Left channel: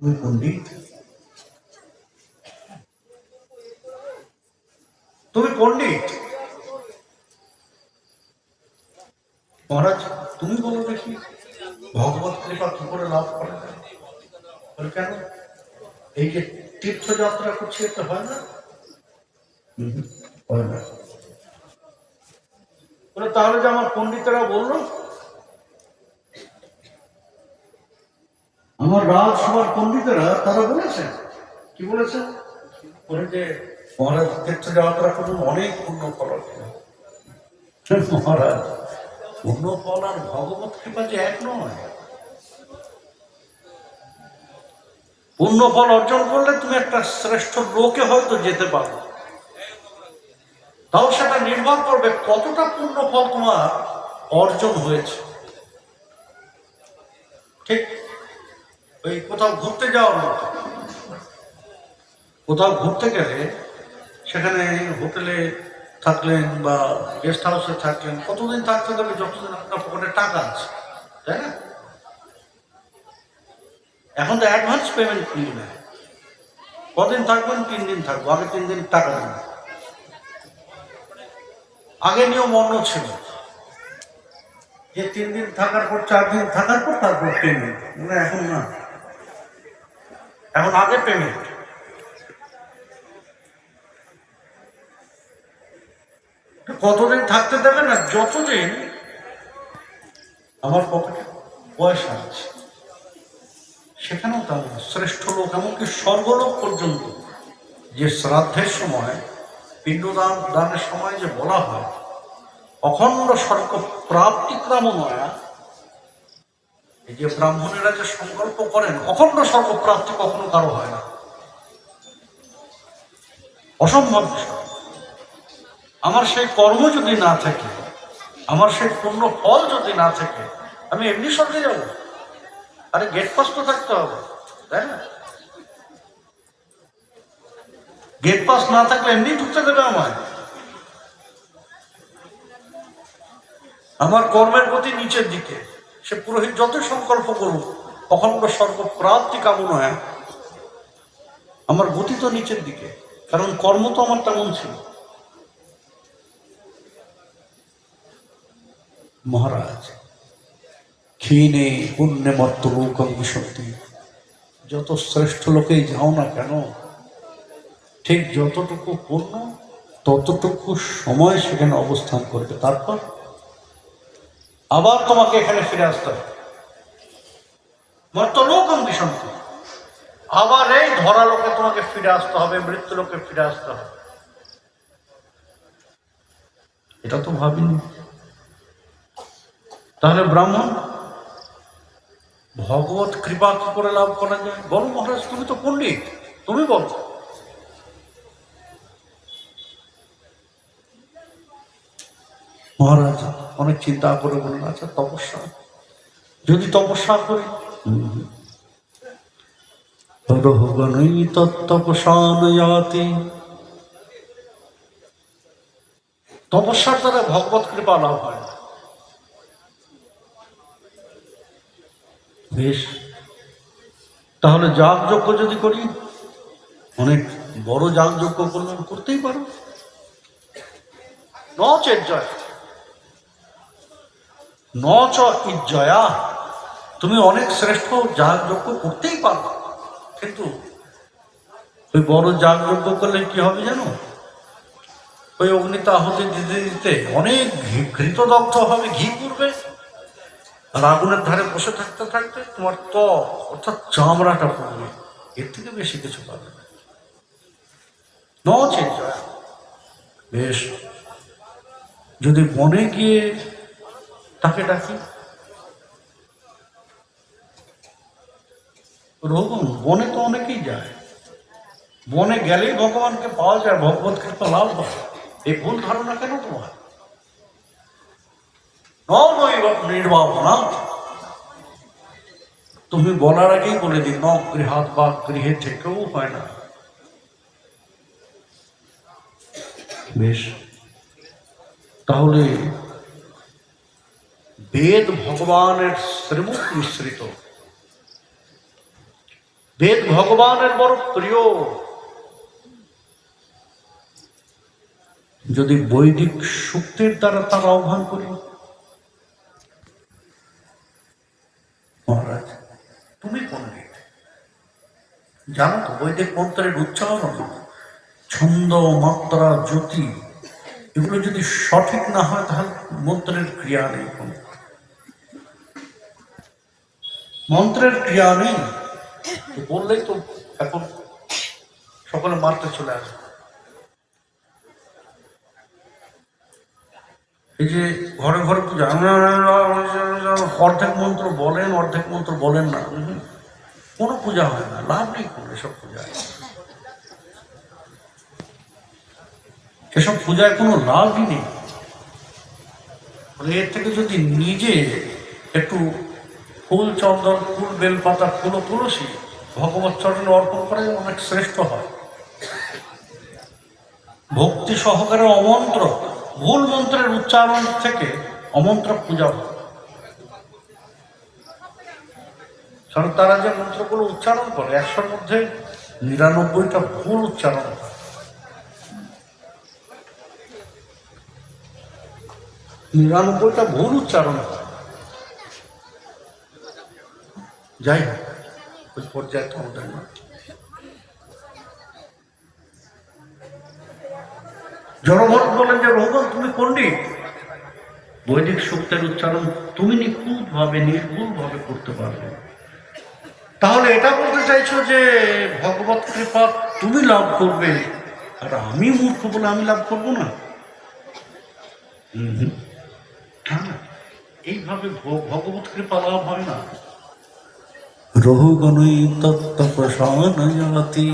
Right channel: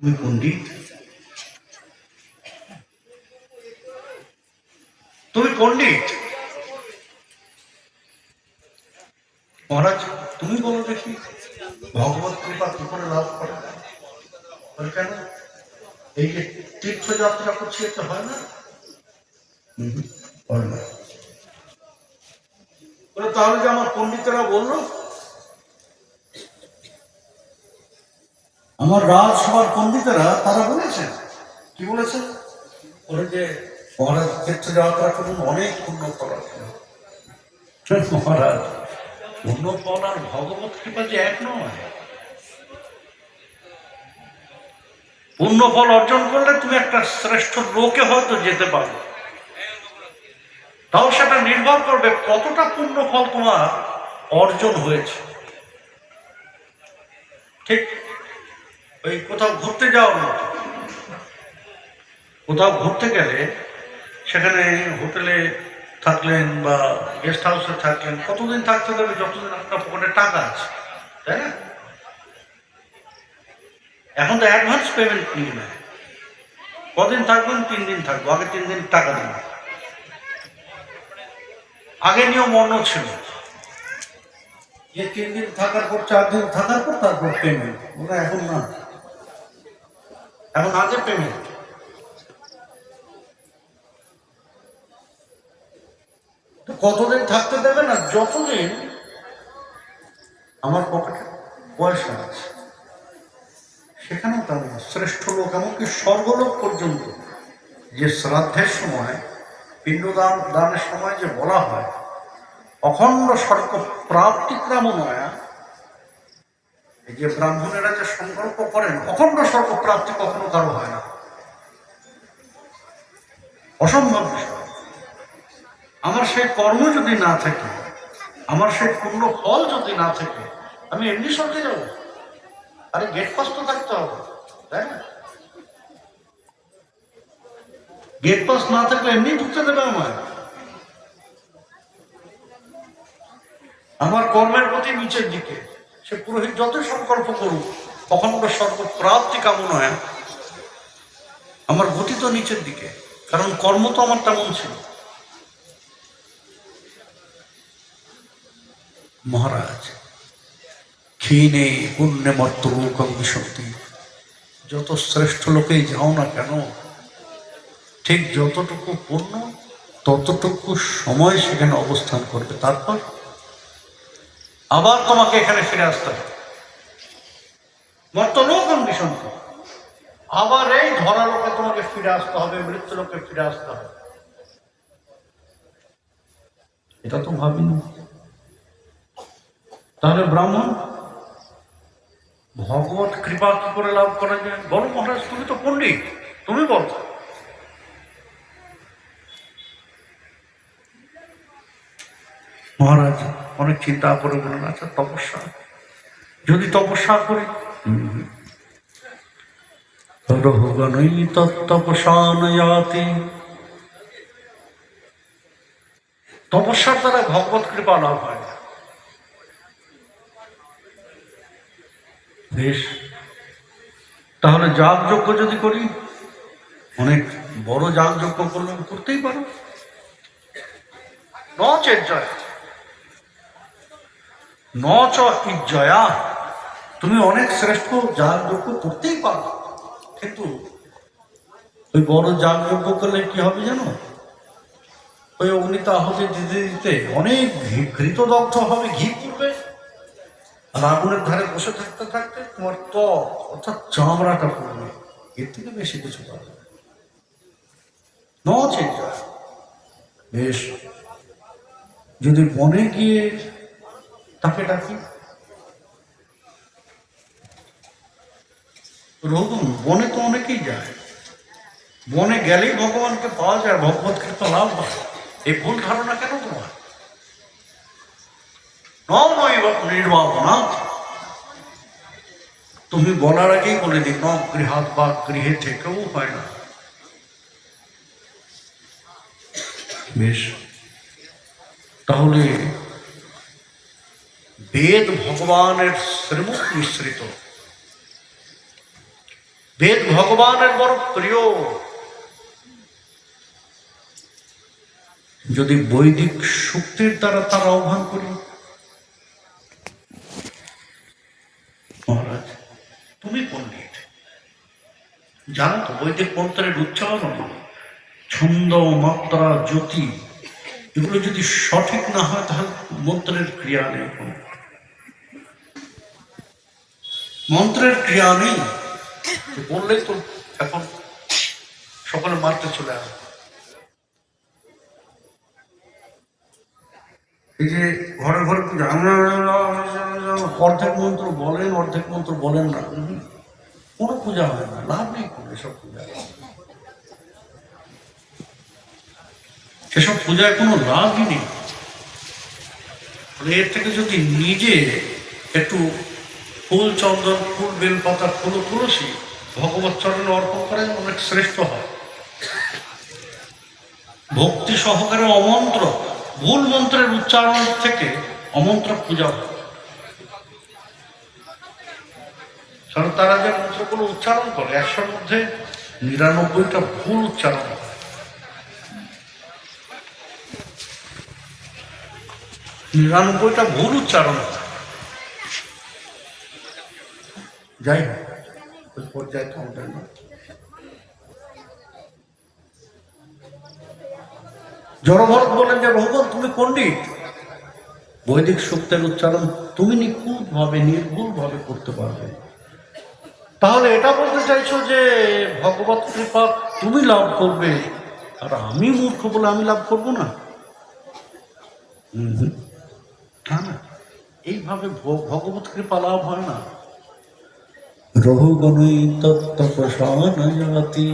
তুমি পণ্ডিত, তুমি পণ্ডিত। মহারাজ, তুমি বলো দেখি, ভগবত কৃপা কি করে লাভ করে? বলে কেন? এই যে তীর্থযাত্রা করছি, এটা হয় না? হয় না। বলে তাহলে যে আমার পণ্ডিতেরা বললো, আমার রাজসভার পণ্ডিতেরা তারা বলেছেন, কি বলেছেন? বলে যে মহারাজ তীর্থযাত্রা করুন, অনেক পুণ্য ফল আছে। মহারাজ, পুণ্য ফল আর ভগবত কৃপা যে এক নয়। পুণ্য ফল অর্জন করলে তুমি একটা শ্রেষ্ঠ লোকে হয়তো যেতে পারো, তাও সেটা নির্ভর করবে কতটা পুণ্য ফল তোমার অর্জন হয়েছে। ঠিক ওই কোথাও ঘুরতে যাও না, কোথাও ঘুরতে গেলে সেখানে হোটেলে থাকলেন বা গেস্ট হাউসে থাকলেন, কতদিন থাকতে দেবে? যতদিন আপনার পকেটে টাকা আছে, তাই না? এখন তো অ্যাডভান্স পেমেন্ট নিয়ে নেয়। কদিন থাকবেন? 3 দিন থাকবো, আগে 3 দিন টাকা দিন। আগে নিয়ম অন্য ছিল, যে 3 দিন থাকার পর 4 দিন থাকার পর তারপর পেমেন্ট। মানে এখন না, এখন আগে পেমেন্ট। কতদিন থাকতে দেবে না? যতদিন আমার পকেটে পয়সা আছে। সেখানেও তো শ্রেষ্ঠ লোক, এমনকি স্বর্গলোক পর্যন্ত, যে শ্রাদ্ধের সময়, পিণ্ডদান দানের সময় যে বলা হয় অখণ্ড স্বর্গ প্রাপ্তি কামনায়া, এই যে ব্রাহ্মণেরা যে সংকল্প করেন, অখণ্ড স্বর্গ প্রাপ্তি কখনো কারো হয় না, অসম্ভব বিষয়। আমার সেই কর্ম যদি না থাকে, আমার সেই পূর্ণ ফল যদি না থাকে, আমি এমনি স্বর্গে যাবো? আরে গেট পাস তো থাকতে হবে, তাই না? গেট পাস না থাকলে এমনি ঢুকতে দেবে আমার? আমার কর্মের গতি নিচের দিকে, সে পুরোহিত যত সংকল্প করুক, অখণ্ড স্বর্গ প্রাপ্তি কামনায়, আমার গতি তো নিচের দিকে, কারণ কর্ম তো আমার তেমন ছিল। মহারাজ, ক্ষীণে পুণ্যে মর্ত লোকং বিশন্তি, যত শ্রেষ্ঠ লোকেই যাও না কেন, ঠিক যতটুকু পুণ্য ততটুকু সময় সেখানে অবস্থান করবে, তারপর আবার তোমাকে এখানে ফিরে আসতে হবে। মর্ত লোকং বিশন্তি, আবার এই ধরা লোকে তোমাকে ফিরে আসতে হবে, মৃত্যু লোকে ফিরে আসতে হবে। এটা তো ভাবিনি। তাহলে ব্রাহ্মণ, ভগবত কৃপা কি করে লাভ করা যায়? বলো মহারাজ, তুমি তো পণ্ডিত, তুমি বলো। মহারাজ অনেক চিন্তা করে বলেন, আচ্ছা তপস্যা, যদি তপস্যা করি, তপস্যার দ্বারা ভগবত কৃপা লাভ হয় না। বেশ, তাহলে যাগযজ্ঞ যদি করি, অনেক বড় যাগযজ্ঞ করলাম, করতেই পারো। নচ ইজ্জয়া, তুমি অনেক শ্রেষ্ঠ যাগযজ্ঞ করতেই পারো, কিন্তু ওই বড় যাগযজ্ঞ করলে কি হবে জানো? ওই অগ্নিতে আহুতি দিতে দিতে অনেক ঘৃতদগ্ধ হবে, ঘি পড়বে, আর আগুনের ধারে বসে থাকতে থাকতে তোমার ত্বক অর্থাৎ চামড়াটা পড়বে, এর থেকে বেশি কিছু পাবে না। বেশ, যদি বনে গিয়ে তাকে ডাকি, রঘুন, বনে তো অনেকেই যায়, বনে গেলেই ভগবানকে পাওয়া যায়, ভগবত কৃপা লাভ হয়, এই ভুল ধারণা কেন তোমার? নির্বাপনা, তুমি বলার আগেই বলে দিই, ন গৃহাত বা গৃহে থেকেও হয় না। বেশ, তাহলে বেদ ভগবানের শ্রীমুখ মিশ্রিত, বেদ ভগবানের বড় প্রিয়। যদি বৈদিক শক্তির দ্বারা তার আহ্বান করি, মহারাজ তুমি পণ্ডিত, জানো তো বৈদিক মন্ত্রের উচ্চারণ, ছন্দ, মাত্রা, জ্যোতি, এগুলো যদি সঠিক না হয় তাহলে মন্ত্রের ক্রিয়া নেই, মন্ত্রের ক্রিয়া নেই। বললেই তো এখন সকলে মারতে চলে আসে। এই যে ঘরে ঘরে পূজা, অর্ধেক মন্ত্র বলেন, অর্ধেক মন্ত্র বলেন না, কোনো পূজা হয় না, লাভ নেই কোনো এসব পূজায়। সেসব পূজায় কোনো লাভই নেই। এর থেকে যদি নিজে একটু ফুল চন্দন, ফুল বেলপাতা, ফুল তুলসী ভগবত চরণে অর্পণ করে অনেক শ্রেষ্ঠ হয়। ভক্তি সহকারে অমন্ত্র, ভুল মন্ত্রের উচ্চারণ থেকে অমন্ত্র পূজা হয়। কারণ তারা যে মন্ত্রগুলো উচ্চারণ করে 100-র মধ্যে 99টা ভুল উচ্চারণ হয়। নিরানব্বইটা ভুল উচ্চারণ হয়। যাই হোক, ওই পর্যায়ে তো আমাদের না। জড়ভরত বলেন যে ভগবান তুমি পণ্ডিত, বৈদিক শব্দের উচ্চারণ তুমি নিখুঁতভাবে, নির্ভুলভাবে করতে পারবে, তাহলে এটা বলতে চাইছো যে ভগবত কৃপা তুমি লাভ করবে আর আমি মূর্খ বলে আমি লাভ করবো না? না, এইভাবে ভগবত কৃপা লাভ হয় না। রহুগণই তত্ত্ব প্রসানয়তি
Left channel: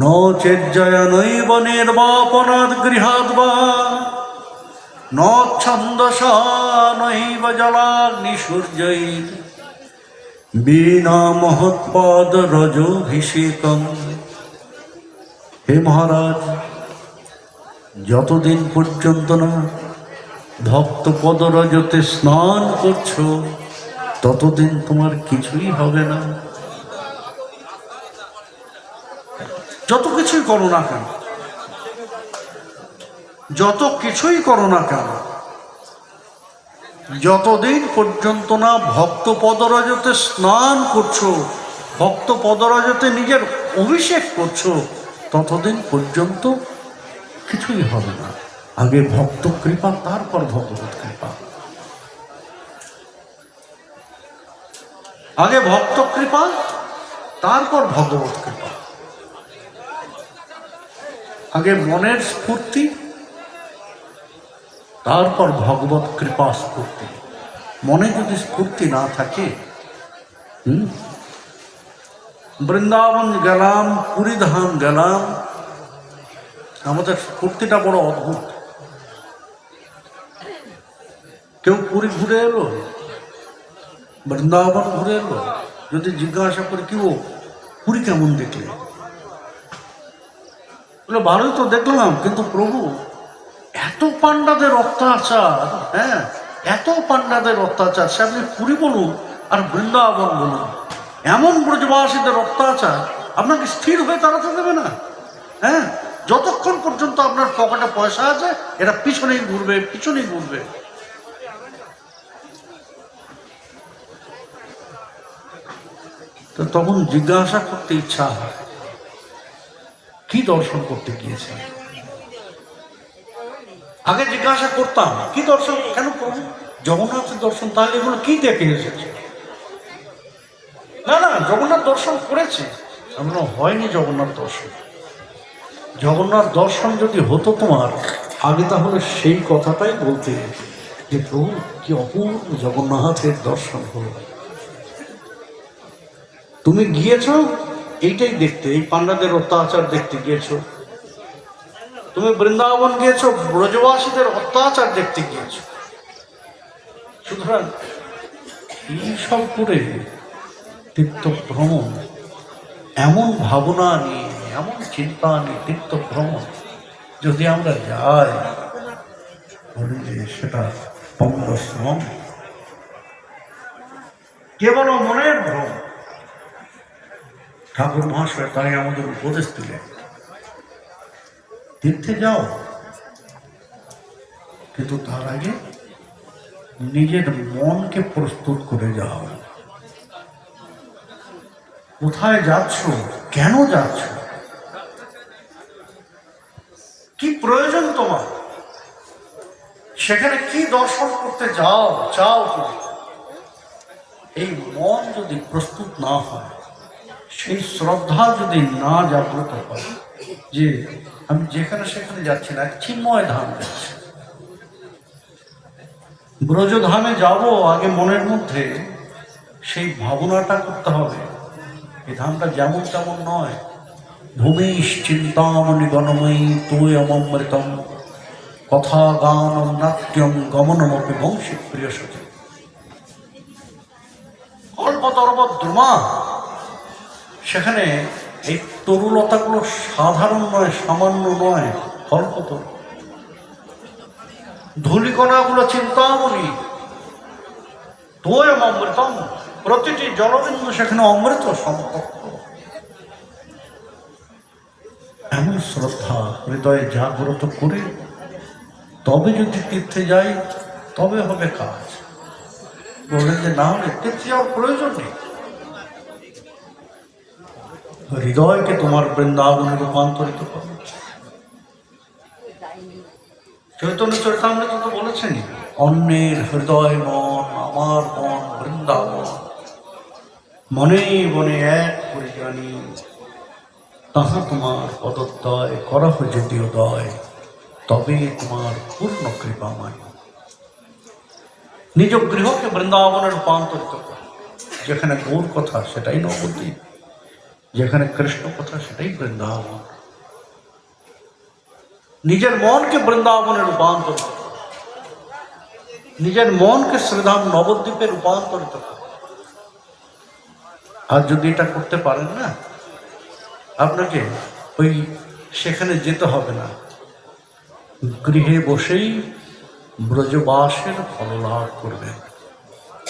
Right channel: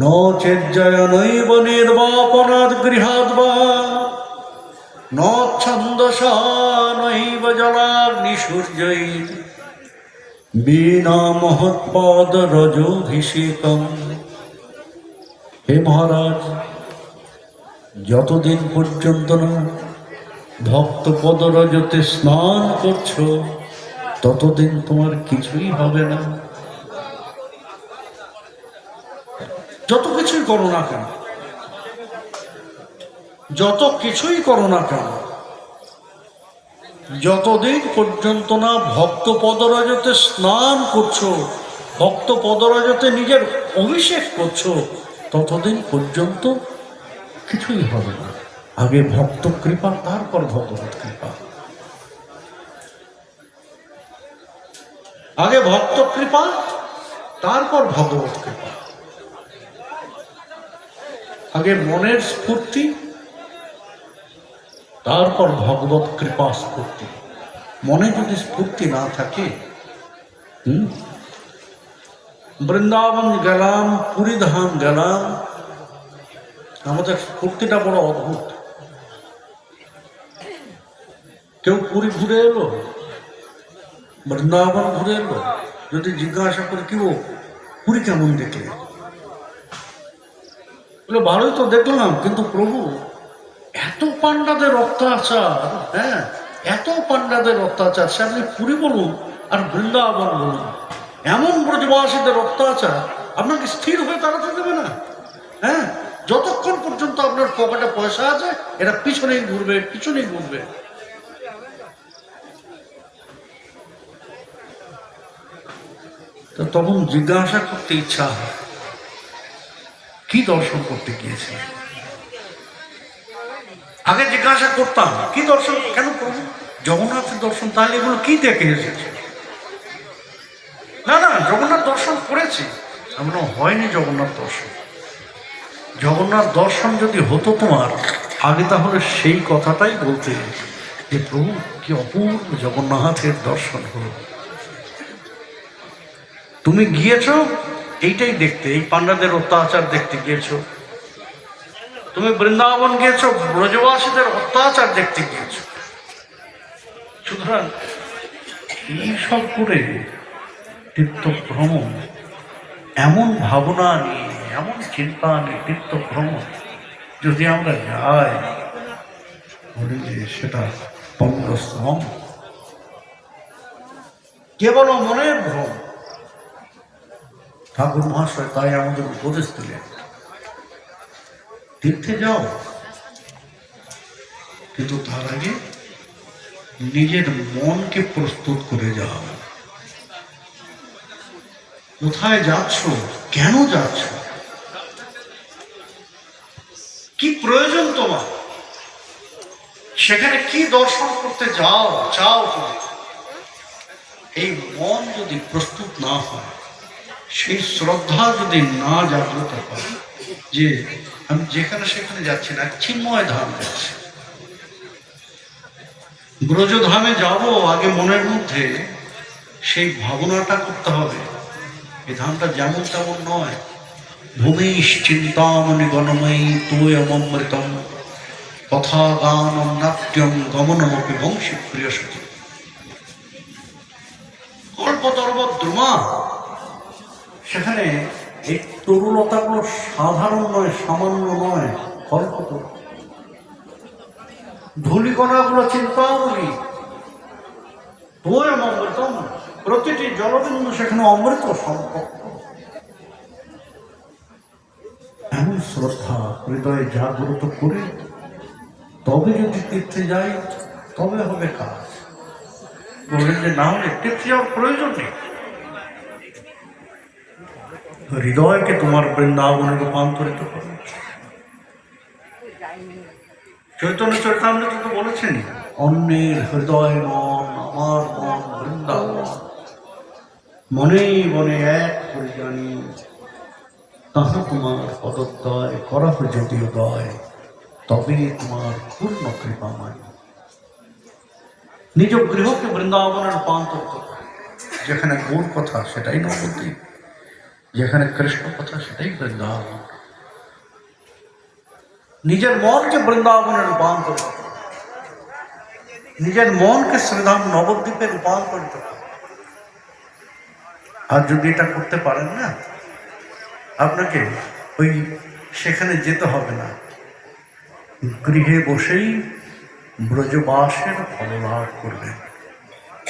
ন চেজ্জয়নৈব নির্বাপনাদ গৃহাদ বা ন ছন্দসা নৈব জলাগ্নি সূর্যৈ বিনা মহৎপদ রজোভিষেকম। হে মহারাজ, যতদিন পর্যন্ত না ভক্ত পদরজতে স্নান করছো ততদিন তোমার কিছুই হবে না। যত কিছুই করো না কেন, যত কিছুই করো না কেন, যতদিন পর্যন্ত না ভক্ত পদরজতে স্নান করছো, ভক্ত পদরজতে নিজের অভিষেক করছো, ততদিন পর্যন্ত কিছুই হবে না। আগে ভক্ত কৃপা, তারপর ভগবত কৃপা। আগে ভক্ত কৃপা, তারপর ভগবত কৃপা। আগে মনের স্ফূর্তি, তারপর ভগবত কৃপা স্ফূর্তি। মনে যদি স্ফূর্তি না থাকে, বৃন্দাবন গেলাম, পুরী ধাম গেলাম, আমাদের স্ফূর্তিটা বড় অদ্ভুত। কেউ পুরী ঘুরে এলো, বৃন্দাবন ঘুরে এলো, যদি জিজ্ঞাসা করি কি ও পুরী কেমন দেখলে, বলে ভালোই তো দেখলাম, কিন্তু প্রভু এত পান্ডাদের অত্যাচার, হ্যাঁ এত পান্ডাদের অত্যাচার, সে আপনি পুরী বলুন আর বৃন্দাবন বলুন, এমন ব্রজবাসীদের অত্যাচার আপনাকে স্থির হয়ে দাঁড়াতে দেবে না। হ্যাঁ, যতক্ষণ পর্যন্ত আপনার পকেটে পয়সা আছে এরা পিছনেই ঘুরবে, পিছনেই ঘুরবে। তো তখন জিজ্ঞাসা করতে ইচ্ছা হয়, কি দর্শন করতে গিয়েছে? আগে জিজ্ঞাসা করতাম কি দর্শন, কেন প্রভু জগন্নাথের দর্শন, তাহলে এগুলো কি দেখে এসেছে? না না, জগন্নাথ দর্শন করেছি। এমন হয়নি জগন্নাথ দর্শন। জগন্নাথ দর্শন যদি হতো তোমার আগে, তাহলে সেই কথাটাই বলতে যে প্রভু কি অপূর্ব জগন্নাথের দর্শন হলো। তুমি গিয়েছ এইটাই দেখতে, এই পান্ডাদের অত্যাচার দেখতে গিয়েছ। তুমি বৃন্দাবন গিয়েছ, ব্রজবাসীদের অত্যাচার দেখতে গিয়েছ। সুতরাং এইসব করে তীর্থ ভ্রমণ, এমন ভাবনা নিয়ে, এমন চিন্তা নিয়ে তীর্থ ভ্রমণ যদি আমরা যাই, বলি যে সেটা পঙ্গশ্রম, কেবল মনের ভ্রম। ঠাকুর মহাশয় তাই আমাদের উপদেশ দিলেন, তীর্থে যাও, কিন্তু তার আগে নিজের মনকে প্রস্তুত করে যাও। কোথায় যাচ্ছ, কেন যাচ্ছ, কি প্রয়োজন তোমার, সেখানে কি দর্শন করতে চাও তুমি, এই মন যদি প্রস্তুত না হয়, সেই শ্রদ্ধা যদি না জাগ্রত হয় যে আমি যেখানে সেখানে যাচ্ছি না, চিন্ময় ধাম যাচ্ছি, ব্রজধামে যাব, আগে মনের মধ্যে সেই ভাবনাটা করতে হবে। এই ধামটা যেমন তেমন নয়। ভূমিশ চিন্তামণি গণময়ী তোয় অমৃতম কথা গান নাট্যম গমনমপি বংশী প্রিয় সচি কল্পতর্ব দ্রুমা। সেখানে এই তরুলতাগুলো সাধারণ নয়, সামান্য নয়, কল্পতরু। ধূলিকণাগুলো চিন্তামণি তোয় অমৃতম, প্রতিটি জলবিন্দু সেখানে অমৃত সম্পর্ক। এমন শ্রদ্ধা হৃদয়ে জাগ্রত করে তবে যদি তীর্থে যাই, তবে হবে কাজ। বললেন যে না হলে তীর্থে যাওয়ার প্রয়োজন নেই। হৃদয়কে তোমার বৃন্দাবনে রূপান্তরিত করো। চৈতন্য চৈতামৃত তো বলেছেন, অন্যের হৃদয় মন আমার মন বৃন্দাবন, মনে বনে এক করে জানি, তাহা তোমার পদোদয় করহ যদি উদয়, তবে তোমার পূর্ণ কৃপাময়। নিজ গৃহকে বৃন্দাবনে রূপান্তরিত করো। যেখানে গৌর কথা সেটাই নবদ্বীপ, যেখানে কৃষ্ণ কথা সেটাই বৃন্দাবন। নিজের মনকে বৃন্দাবনে রূপান্তরিত করো, নিজের মনকে শ্রীধাম নবদ্বীপে রূপান্তরিত করো। আর যদি এটা করতে পারেন না, আপনাকে ওই সেখানে যেতে হবে না, গৃহে বসেই ব্রজবাসের ফল লাভ করবেন।